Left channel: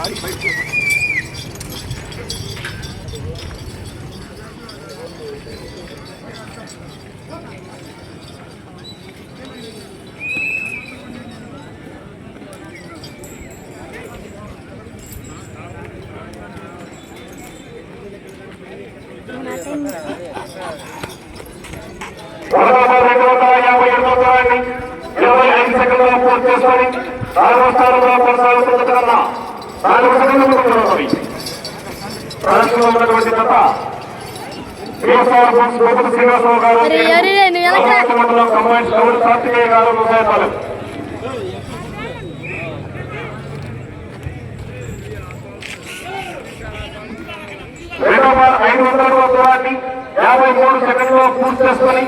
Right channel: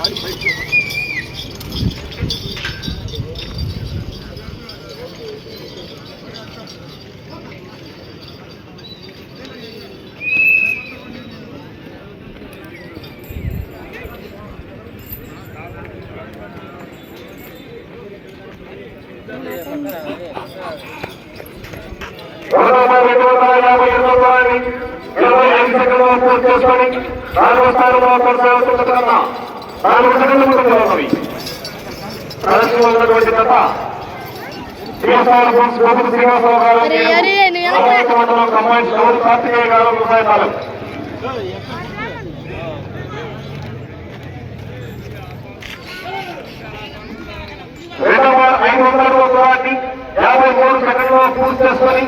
పూర్తి చేసుకొని 4వ స్థానంలో కొనసాగుతున్న 4 సెకండ్ల ముందు ఉన్నవి. ప్రదర్శనలో ఉన్నటువంటి జత శ్రీనివాసరావు గారు మండలం కంబైన్స్ గౌడ్ కార్తికేయ గారు వ్యవసాయపాలెం. రెండవ 500 అడుగుల దూరాన్ని 53 సెకండ్లో పూర్తి చేసుకొని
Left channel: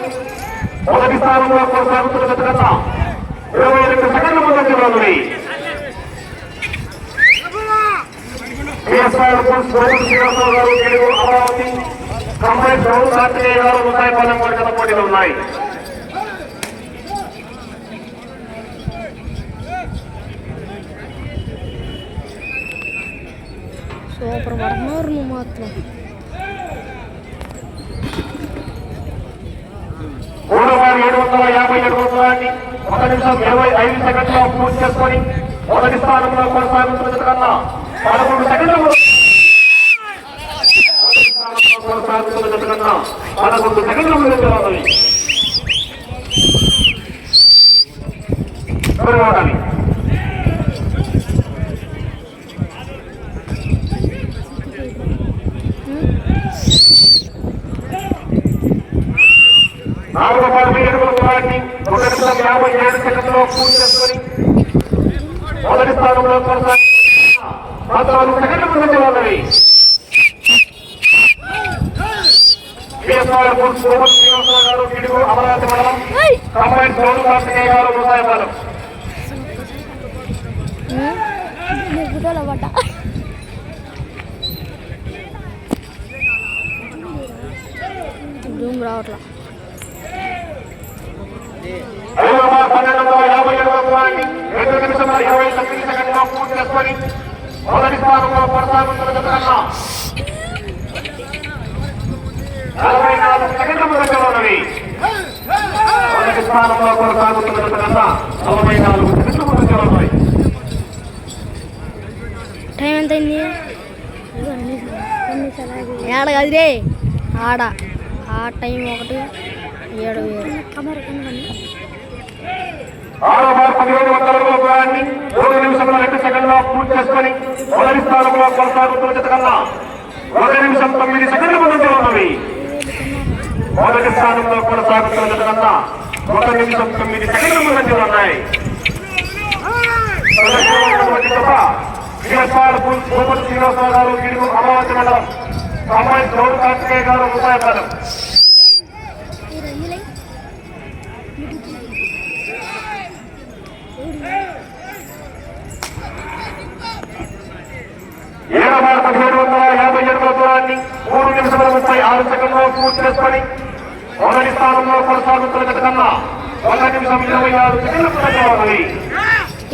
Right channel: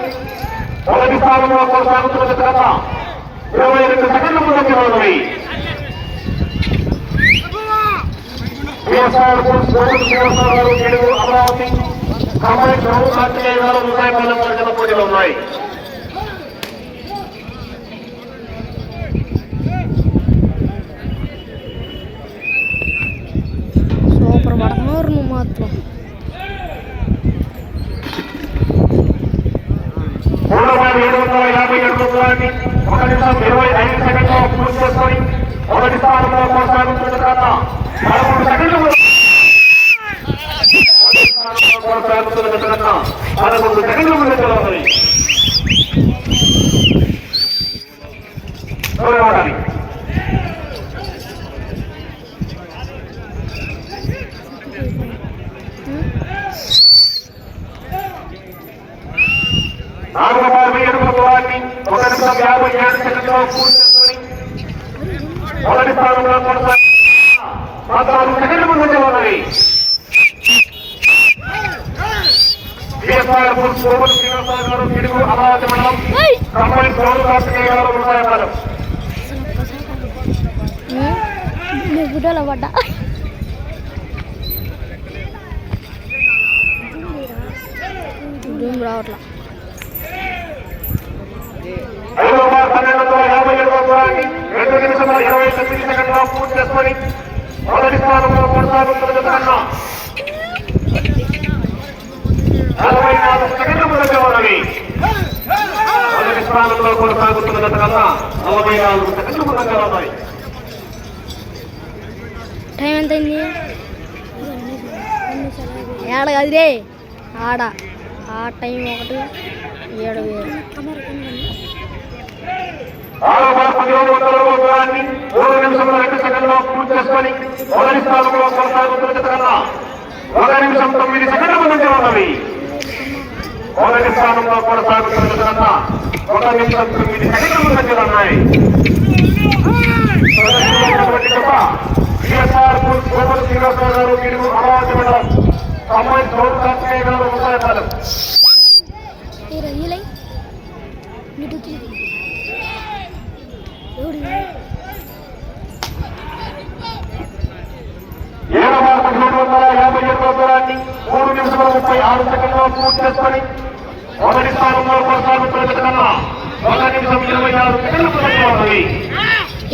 మొదటి స్థానంలో కొనసాగుతున్న జత కన్నా 22 సెకండ్ల ముందంజలో ఉన్నవి. అమరావతి కంబైన్స్ గౌడ్ కార్తికేయ గారు వ్యవసాయపాలెం వర్గల పోటీలు ఉన్నాయి. సూపర్ పడుతున్నారు నువ్వు మాత్రం. 3,757 దూరాన్ని 1 నిమిషం 25 సెకండ్లో పూర్తి చేసుకొని మొదటి స్థానంలో కొనసాగుతున్న కన్నా 11 సెకండ్ల ముందు ఉండాలి. నాలుగు 47 అడుగుల దూరాన్ని 1 నిమిషం 57 సెకండ్లో పూర్తి చేసుకొని మొదటి స్థానంలో కొనసాగుతున్న 14 సెకండ్ల ముందంజలో ఉన్నవి. అమరావతి మండలం కంబైన్స్ గౌడ్ కార్తికేయ గారు వ్యవసాయపాలెం. రావట్లా 1257 దూరాన్ని 2 నిమిషంలో 29 సెకండ్లో పూర్తి చేసుకొని మొదటి స్థానంలో కొనసాగుతున్న కన్నా 44 సెకండ్ల ముందంజలో ఉన్నవి. మొదటి స్థానంలో కొనసాగుతున్న కన్నా 44 సెకండ్ల ముందంజలో ఉన్నాయి. టైం ఎంత అయింది? ఏడ కదిరే ఆడ ఆ టైం 1:07. 1700 దూరాన్ని 3 నిమిషంలో 2 సెకండ్లో పూర్తి చేసుకొని మొదటి స్థానంలో కొనసాగుతున్న జత కన్నా 1 నిమిషం 9 సెకండ్ల ముందంజలో ఉన్నవి. మొదటి స్థానంలో కొనసాగుతున్న జత కన్నా 1 నిమిషం 9 సెకండ్ల ముందంజలో ఉన్నాయి. శ్రీనివాసరావు గారు గిడుగు అమరావతి మండలం కంబైన్స్ గౌడ్ కార్తికేయ గారు వ్యవసాయపాలెం. ఏడవ 1757 దూరాన్ని 3 నిమిషముల 36 సెకండ్లో పూర్తి చేసుకొని మొదటి స్థానంలో కొనసాగుతున్న జత కన్నా 1 నిమిషం 26 సెకండ్ల ముందంజలో ఉన్నవి.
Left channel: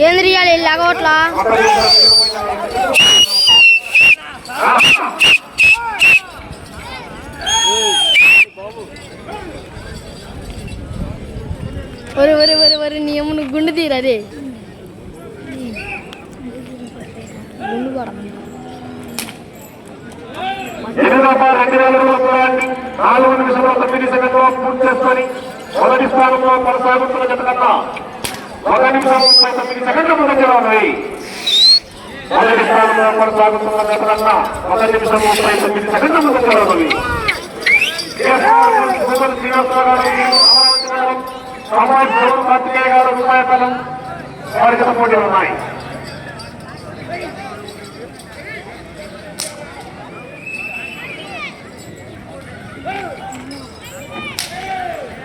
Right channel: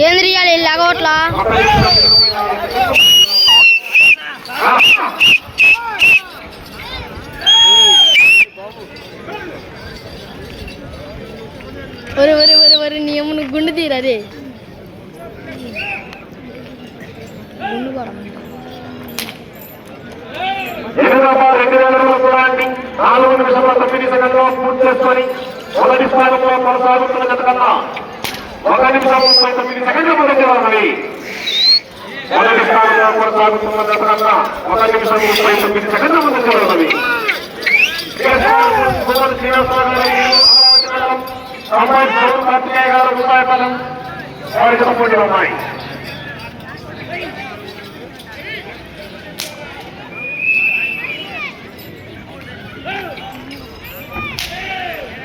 ఏంద్రియాలు ఇలాగోట్లా వరి నియమును గుండు తీరదే గుండు కూడా 2000 అడుగుల దూరాన్ని 4 నిమిషముల 9 సెకండ్లో పూర్తి చేసుకొని మొదటి స్థానంలో కొనసాగుతున్న జత కన్నా 1 నిమిషం 39 సెకండ్ల ముందంజలో ఉన్నవి. మొదటి స్థానంలో కొనసాగుతున్న జత కన్నా 1 నిమిషం 39 సెకండ్ల ముందంజలో ఉన్నవి. కంబైన్స్ గౌడ్ కార్తికేయ గారు వ్యవసాయపాలెం వారికి పోటీ ఉన్నాయి.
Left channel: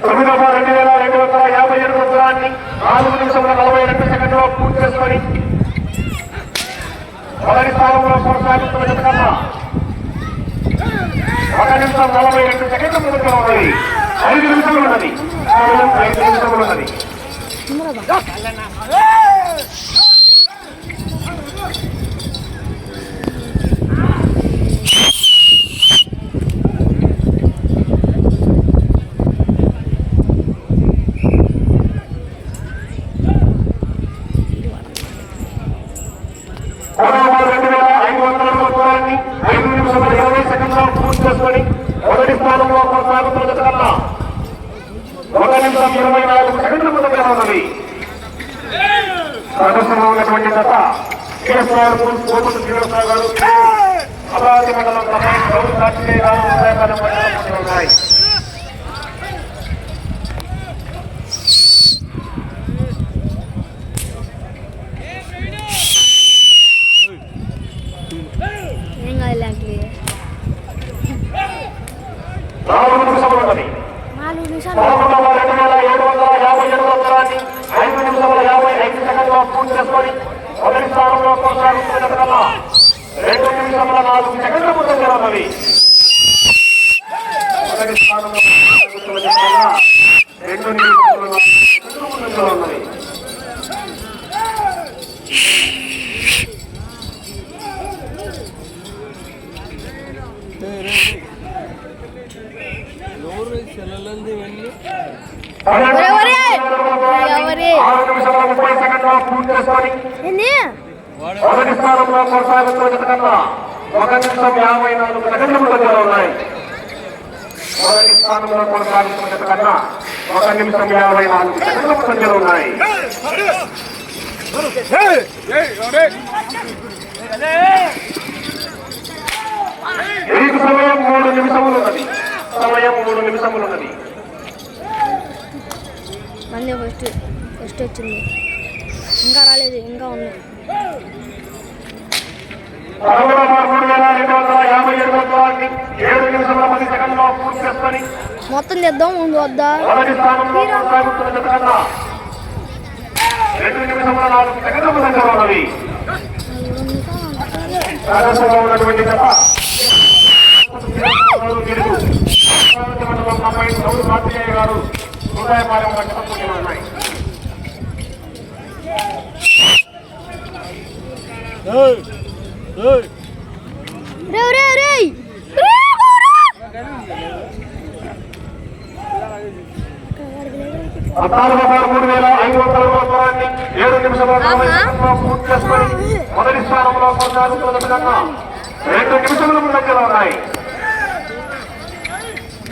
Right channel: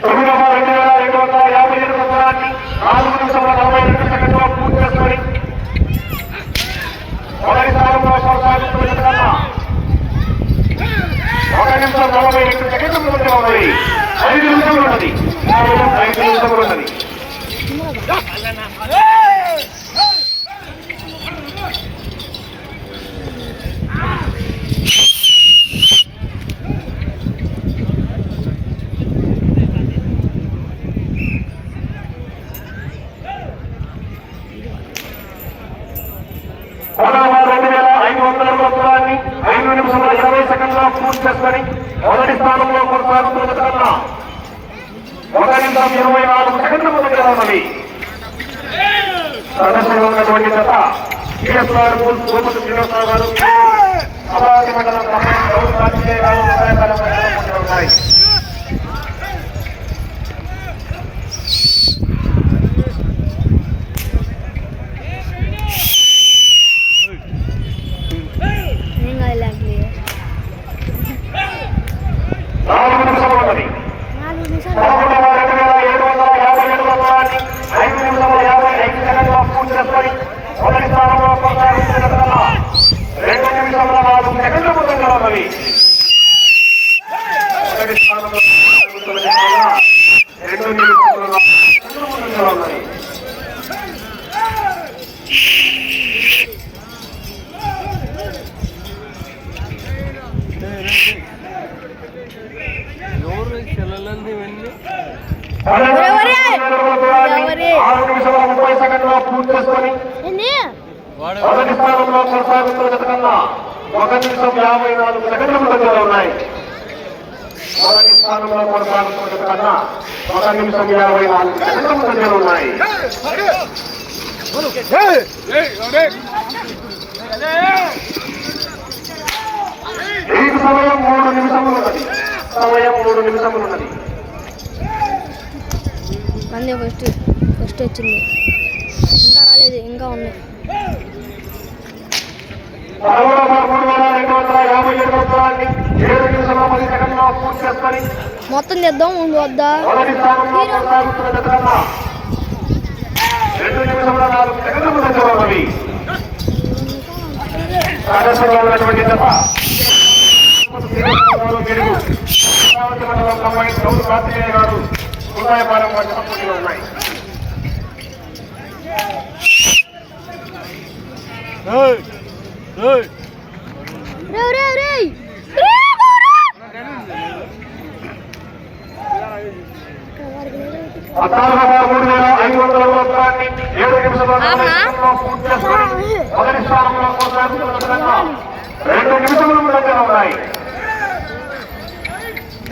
తొమ్మిదవ 2257 దూరాన్ని 4 నిమిషముల 42 సెకండ్లో పూర్తి చేసుకొని మొదటి స్థానంలో కొనసాగుతున్న జత కన్నా 1 నిమిషం 42 సెకండ్ల ముందంజలో ఉన్నది. 5 నిమిషాలు ఉన్నది. 5 నిమిషాలు ఉన్నది. 5 నిమిషముల 20 సెకండ్ల పూర్తి చేసుకొని మొదటి స్థానంలో కొనసాగుతున్న జత కన్నా 1 నిమిషం 24 సెకండ్ల ముందుగా ఉన్నది. ప్రదర్శన ఉన్నటువంటి జత శ్రీరామ్ గోపుడు శ్రీనివాసరావు గారు అమరావతి మండలం ఉన్నాయి. ఏం కాదు 4 నిమిషములు ఉన్నది. 4 నిమిషాలు 5 నిమిషముల 55 సెకండ్ల పూర్తి చేసుకొని మొదటి స్థానంలో కొనసాగుతున్న జత కన్నా 2 నిమిషముల 4 సెకండ్ల ముందుగా ఉన్నది. మొదటి స్థానంలో కొనసాగుతున్న జత కన్నా 2 నిమిషముల 4 సెకండ్ల ముందుగా ఉన్నది. ఎవరి 6 నిమిషముల 30 సెకండ్ల పూర్తి చేసుకొని ఏంది మొదటి స్థానంలో కొనసాగుతున్న జత కన్నా 1 నిమిషం 54 సెకండ్ల ముందుగా ఉన్నాయి. మొదటి స్థానంలో కొనసాగుతున్న జత కన్నా 1 నిమిషం 54 సెకండ్ల ముందుగా ఉన్నాయి. మీకు సమయం 3 నిమిషములు ఉన్నది. సమయం 3 నిమిషములు ఉన్నది. మంది ఫస్ట్ వచ్చింది, ఇంకా రాలేదు, ఇంకా ఉంది. 13,257 దూరాన్ని 7 నిమిషముల 10 సెకండ్లో పూర్తి చేసుకొని మొత్తం తెద్దాం ముందు వద్దా. మొదటి స్థానంలో కొనసాగుతున్న జత కన్నా 2 నిమిషముల 4 సెకండ్ల ముందుగా ఉన్నది. ప్రదర్శనలో ఉన్నటువంటి జత అమరావతి మండలం బొమ్మాయి గౌరవ కార్తికేయ గారు రూపాయపాలెం వంటి పోటీలు ఉన్నాయి. దూరాన్ని 7 నిమిషముల 40 సెకండ్లో పూర్తి చేసుకొని మొదటి స్థానంలో కొనసాగుతున్న జత కన్నా 2 నిమిషముల ముందంజలో ఉన్నాయి.